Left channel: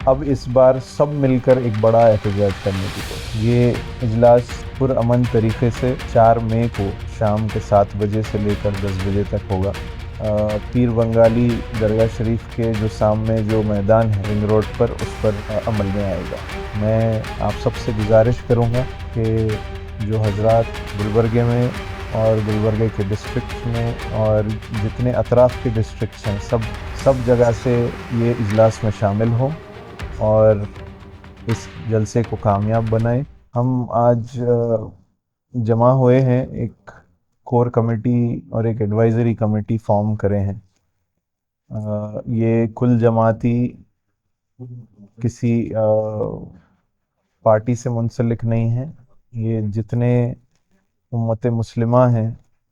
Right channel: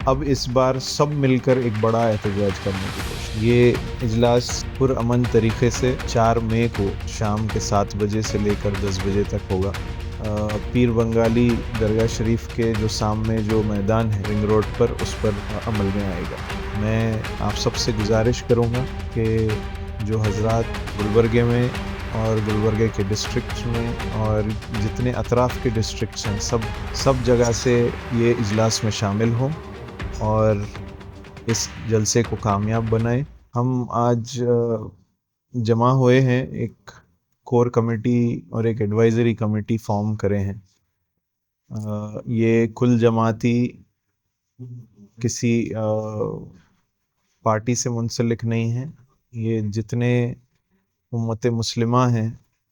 اب اس بار سب مل کر ایک بڑا احتجاج کرنے کی کوشش۔ یہ اجلاس پرامن طریقے سے 4 مئی کو شام کے 7 بجے سے لے کر 10 بجے تک ہوگا۔ پیر بنگالی درگاہ شریف کے جو سامنے جو میدان ہے رنگ روڈ پر، اس پر عمل میں آئے گا۔ میں آپ سب سے گزارش کروں گا کہ جو حضرات گلبرگے میں اور گلبرگے کے ڈسٹرکٹس میں اور جتنے اطراف کے ڈسٹرکٹس ہیں سب جگہ سے یہ اجلاس میں شامل ہوں اور اس جلسے کو کامیاب بنائیں۔ ہم آج جمع ہوئے ہیں، ایک کور کمیٹی اور ایک ایڈوائزری کمیٹی فارم کرے ہیں۔ یہ کل جماعتی کسی پارٹی سے منسلک نہیں ہے، یہ جتنے امت مسلمہ ہیں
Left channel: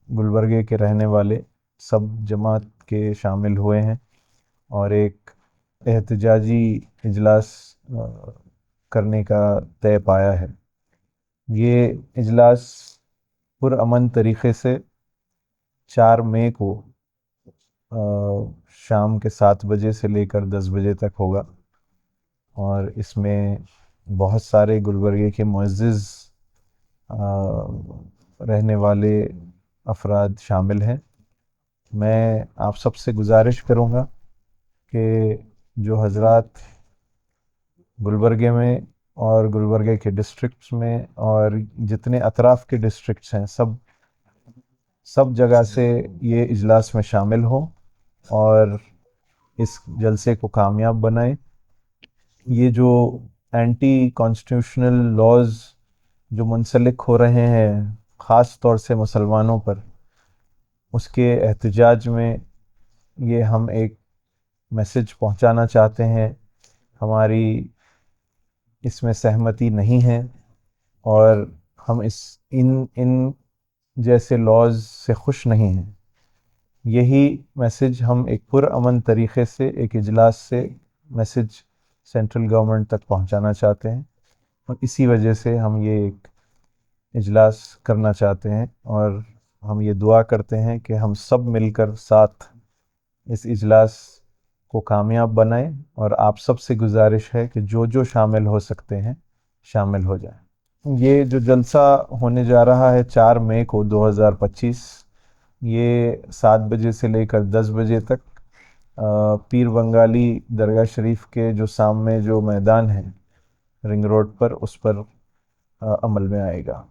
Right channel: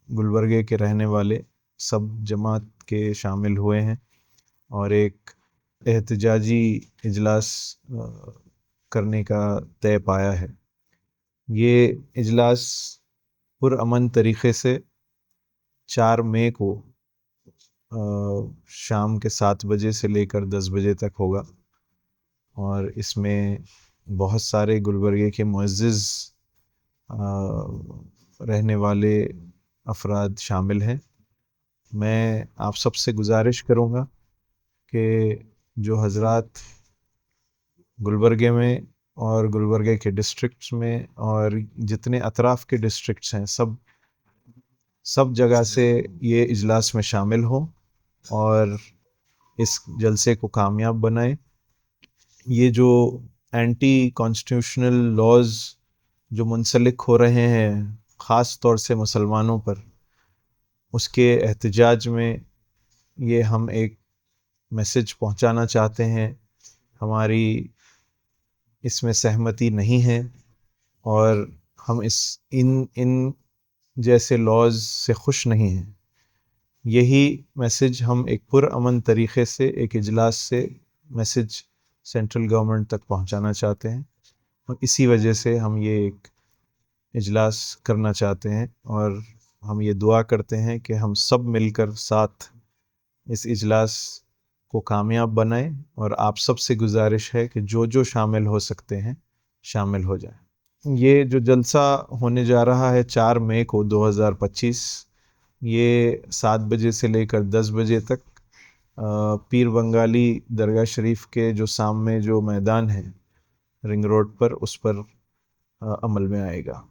گلبرگے کے رہنے والے سب جماعت کے شامل ہوئے ہیں اور ایک احتجاجی اجلاس کرنے کا طے پایا ہے۔ یہ اجلاس پرامن طریقے سے 4 مئی کو شام کے 7 بجے سے لے کر 10 بجے تک ہوگا اور اس میں بہت سارے گلبرگے کے معزز رہنے والے افراد شامل ہیں۔ میں آپ سب سے گزارش کروں گا کہ جو حضرات گلبرگے میں اور گلبرگے کے ڈسٹرکٹس میں اور جتنے اطراف کے ڈسٹرکٹس ہیں سب جگہ سے یہ اجلاس میں شامل ہوں اور اس جلسے کو کامیاب بنائیں۔ یہ جو اینٹی کانسٹیٹیوشنل لاز جو منسلک ہو رہے ہیں خاص طور سے مسلمانوں پر، اس کے احتجاج میں یہ ہم ایک میسج پہنچانا چاہتے ہیں۔ ہماری اس میں سہمتی نہیں ہے اور ہم ان جیسے لاز سے خوش نہیں ہیں۔ یہی میسج ہم ایک پرامن طریقے سے ایک اجلاس سے میسج سینٹرل گورنمنٹ تک پہنچانا چاہتے ہیں اور اسی وجہ سے ہم یہ ایک اجلاس کرنا چاہتے ہیں اور ہم یہ دعا کرتے ہیں کہ ہم سب مل کر ساتھ اس اجلاس کو کامیاب بنائیں اور آپ سب سے گزارش ہے کہ جو شامل ہو سکتے ہیں شامل ہو جائیں۔ یہ جو جلسہ ہونے جا رہا ہے 4 مئی کو 2025، یہ 7 بجے سے لے کر 10 بجے تک پیر بنگالی درگاہ شریف کے جو سامنے جو میدان ہے رنگ روڈ پر، اس پر عمل میں آئے گا۔